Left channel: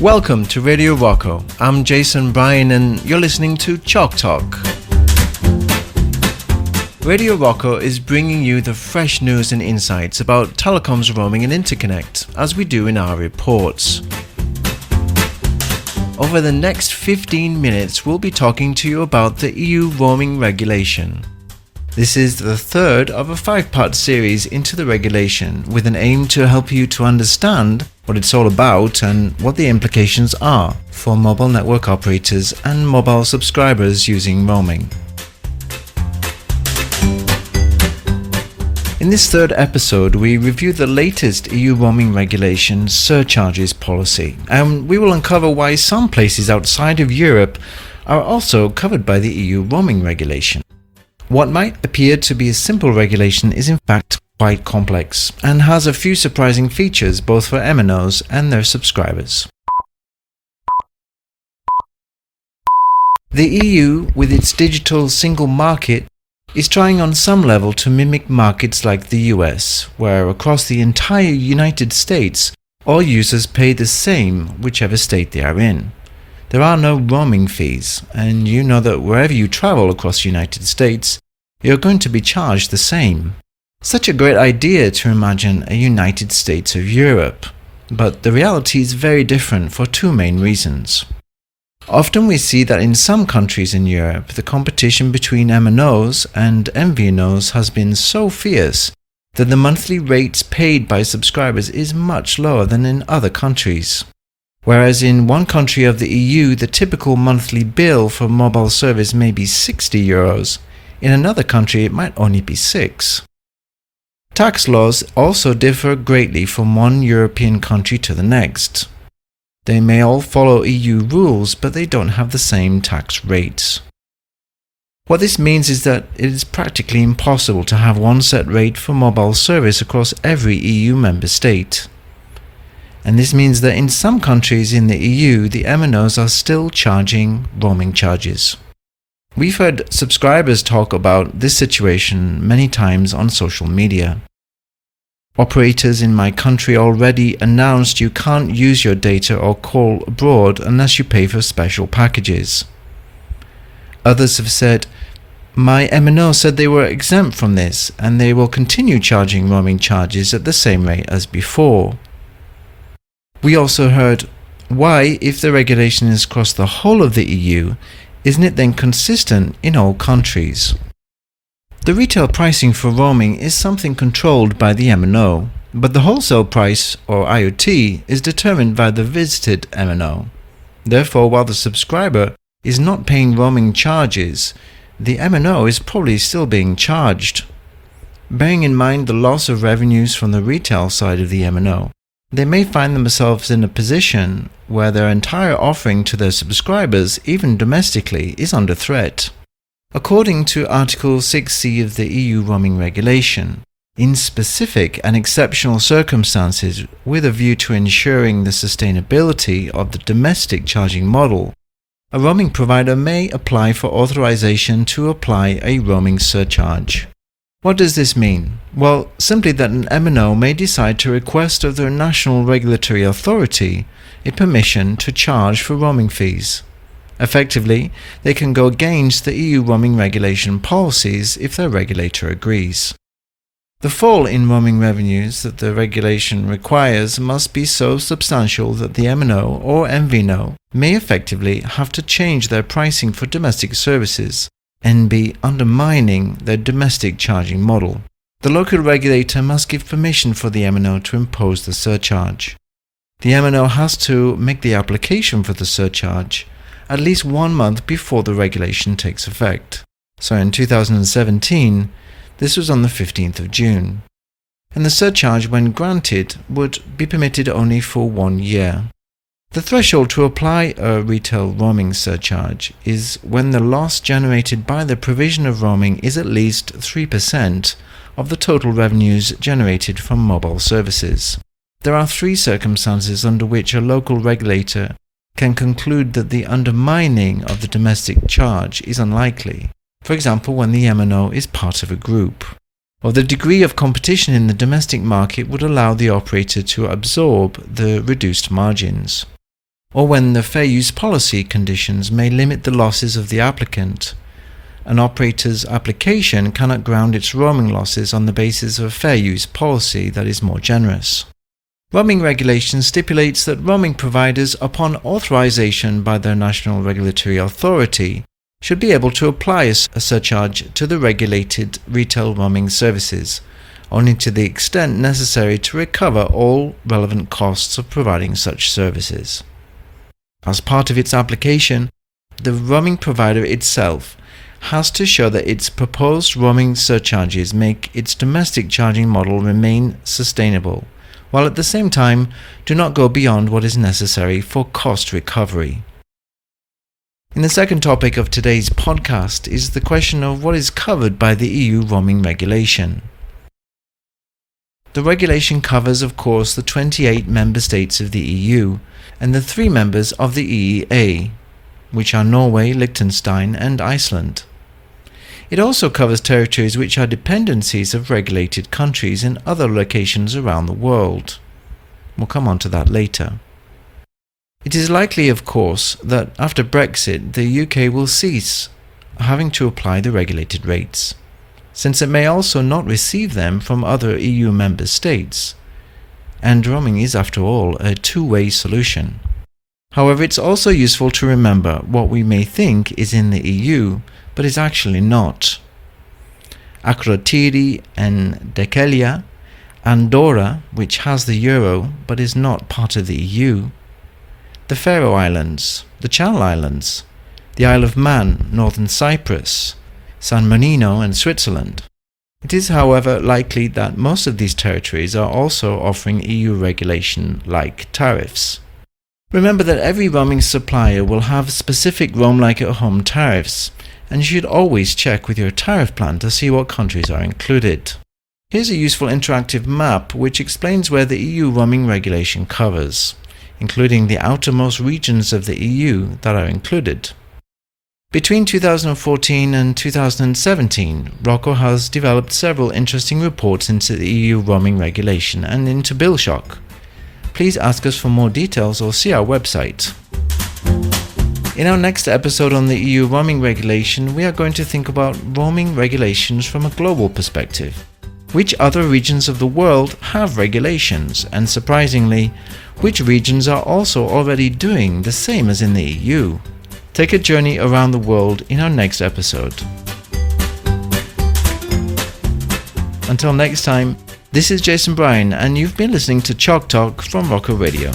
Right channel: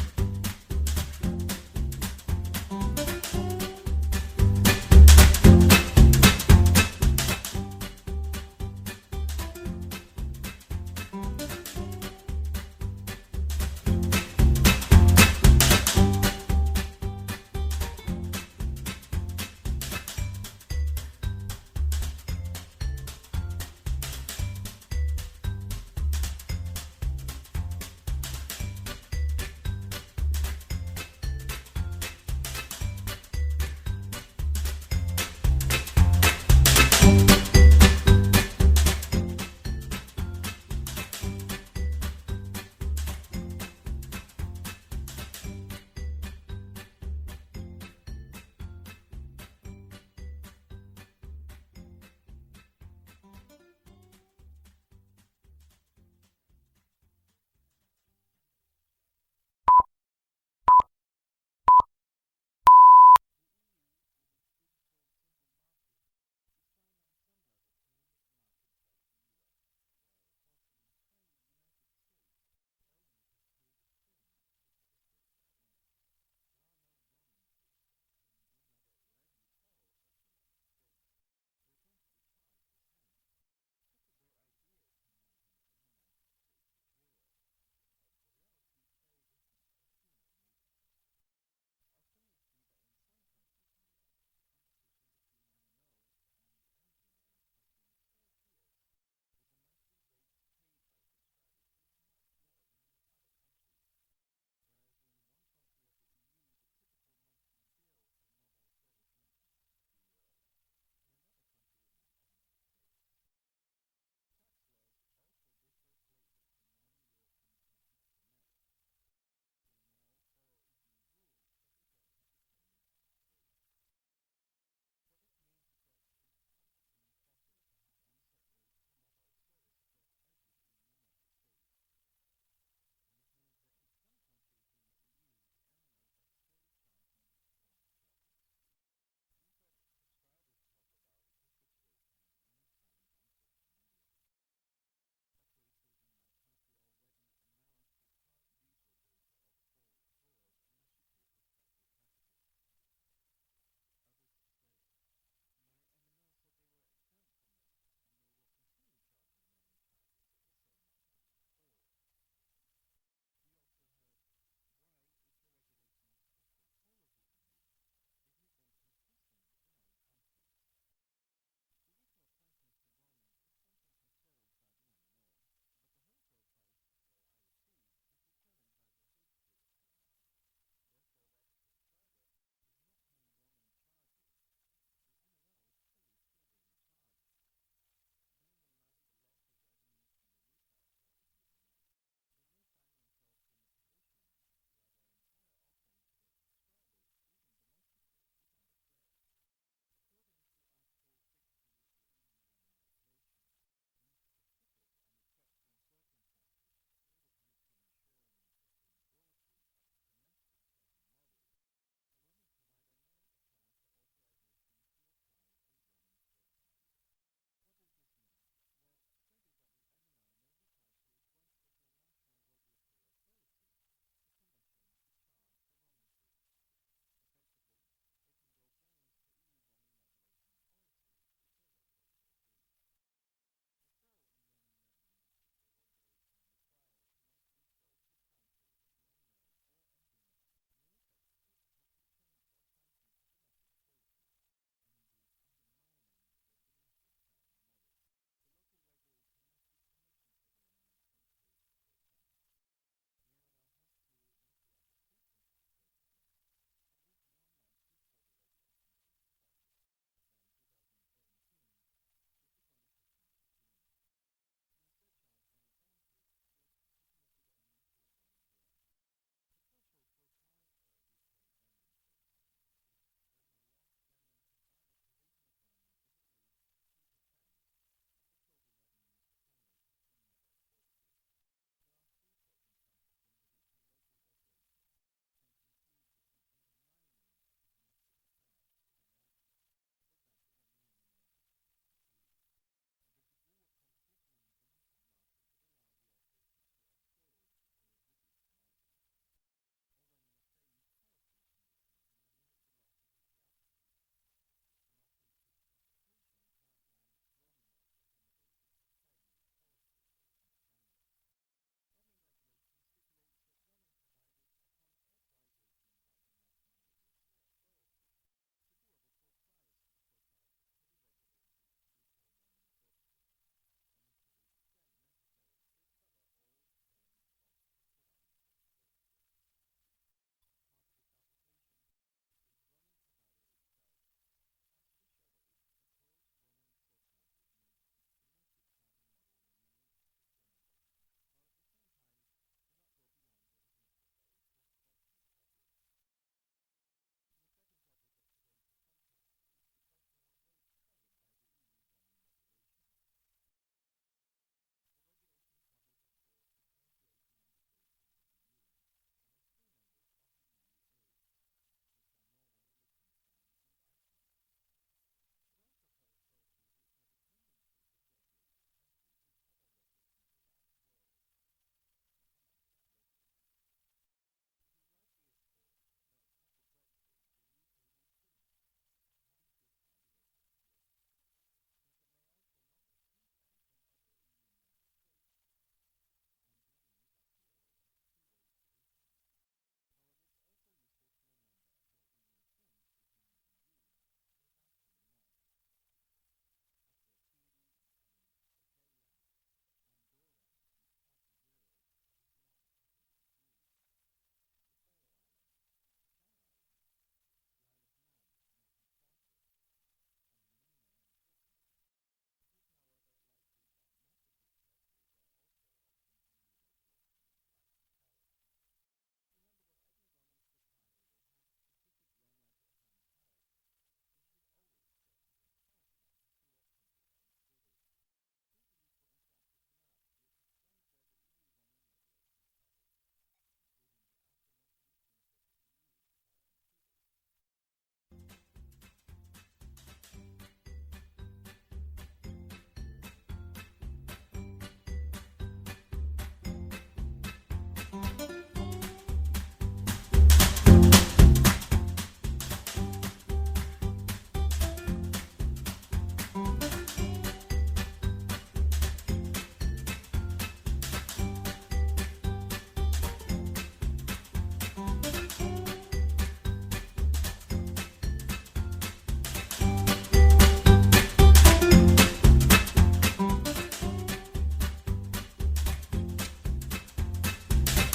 Welcome to Radio Rocco. I'm Jason Bryan and you're listening to Chalk Talk. Radio Rocco is bringing you the fresh news and insights about telecoms roaming and interconnect, as we do in our reports. Over the next 15 minutes, we'll be talking to you about the EU roaming regulation. This is the third of a 5-part series into the regulation, with an aim to help you to understand what it's all about and what the implications are for mobile network operators and mobile subscribers using roaming. In this third episode, we review the latest EU roaming regulation surcharges policy, and we will uncover why some places outside of Europe are also covered by the EU roaming regulation. What might appear to be a simple regulation is in fact quite complex and has a few surprising features both for MNOs and their subscribers. The EU, with its digital single market, is trying on some level to mimic markets like the US, where across the entire United States, all users pay the same whichever state they are in. There are no roaming fees, and you know that wherever you travel across the United States, you're going to be charged the same. Such a great idea to imagine a United States of Europe, but the reality is very different for two main reasons. Often we see that in some countries in Europe, the competition between MNOs and MVNOs has been so fierce that the monthly rates paid by subscribers is much lower than in other countries. Whereas in one country of the EU, the typical monthly bill for mobile service may be €60, in another country it might only be €6. Tax laws also differ greatly from one European country to the next. They may all follow EU rules, but they don't have the same tax rates. What this means is that it is practically impossible to have one set rate for mobile service across every EU member state. And this means that in some countries in the EU, the MNOs are still charging roaming charges. We've heard subscribers talk about this situation many times on social media. Operators in my country already announced you can't use your data or call abroad unless you pay for special packages. Others have said, my MNO said they were exempt from this and they will continue charging roaming charges at the same rate as before. We also heard, why, if the regulation is across the whole of the EU, isn't it then consistent in all countries? The retail pricing for roaming is something controlled by the MNO, but the wholesale price, or IoT, is determined by the visited MNO. Therefore, while the subscriber is not paying roaming charges, the MNO is probably still being charged. Bearing in mind the loss of revenues from the retail side of the MNO, they may find themselves in a position where their entire offering to their subscribers, even domestically, is under threat. According to Article 6C of the EU roaming regulation, in specific and exceptional circumstances with a view to ensuring the sustainability of the domestic charging model, a roaming provider may apply for authorization to apply a roaming surcharge. What does this mean? Well, simply that an MNO may decide to request of their national regulatory authority a permission to charge for roaming fees. Effectively, they can go against the EU roaming regulation policies if their regulator agrees. The fall in roaming revenues that the regulation requires must be so substantial that the MNO or MVNO may effectively have to change their pricing for domestic services and be undermining their domestic charging model. The local regulator must give permission for the MNO to impose the surcharge. The MNO has to make the application for the surcharge at least 1 month before the regulation takes effect. So in 2017, this was on the 15th of June. And the surcharge, when granted, would be permitted only for 1 year. The threshold to apply a retail roaming surcharge is when the loss generated by the provision of roaming is at least 3% of the total revenues generated from mobile services. There are 3 circumstances under which a local regulator can conclude that the undermining of the domestic charge is unlikely. For example, when the MNO is part of a group, or the degree of competition in the domestic market would allow the operator to absorb the reduced margins. or when the fair use policy conditions may limit the losses of the applicant. An operator's application cannot ground its roaming losses on the basis of a fair use policy that is more generous. Roaming regulation stipulates that roaming providers, upon authorization by their national regulatory authority, should be able to apply a surcharge to the regulated retail roaming services, only to the extent necessary to recover all relevant costs of providing such services. As part of its application, the roaming provider itself has to show that its proposed roaming surcharges make its domestic charging model remain sustainable, while at the same time do not go beyond what is necessary for cost recovery. In the second topic of today's podcast is the question of what is covered by the EU roaming regulation. The regulation covers, of course, the 28 member states of the EU and the 3 members of the EEA, which are Norway, Liechtenstein and Iceland. It also covers territories which are dependencies of regulated countries in other locations around the world. We'll come on to that later. It is likely, of course, that after Brexit the UK will cease having to apply the regulated rates, since it may also not receive them from other EU member states, and roaming is, after all, a two-way solution. However, it's also useful to remember what we may think is in the EU, but is actually not. Akrotiri and Dhekelia, Andorra, which has the euro but is not part of the EU, the Faroe Islands, the Channel Islands, the Isle of Man, Northern Cyprus, San Marino and Switzerland. It is, however, likely that most of these territories are also offering EU regulation-like tariffs. Remember that every roaming supplier will have specific Roam Like at Home tariffs, and you should always check with your tariff plan to see what countries are included. Here's a useful interactive map which explains where the EU roaming regulation covers, including the outermost regions of the EU that are included. Between 2014 and 2017, Rocco has developed several interesting reports into the EU roaming regulation and into BillShock. Please ask us for more details or see our website. In our next episode on the EU roaming regulation, we are going to think about roaming regulations from a global perspective. Which other regions of the world have regulations, and surprisingly, which regions are also already doing the same as in the EU? Take a journey around the world in our next episode. Until next time, this is Jason Bryan, and you've been listening to Chalk Talk from Rocco Radio.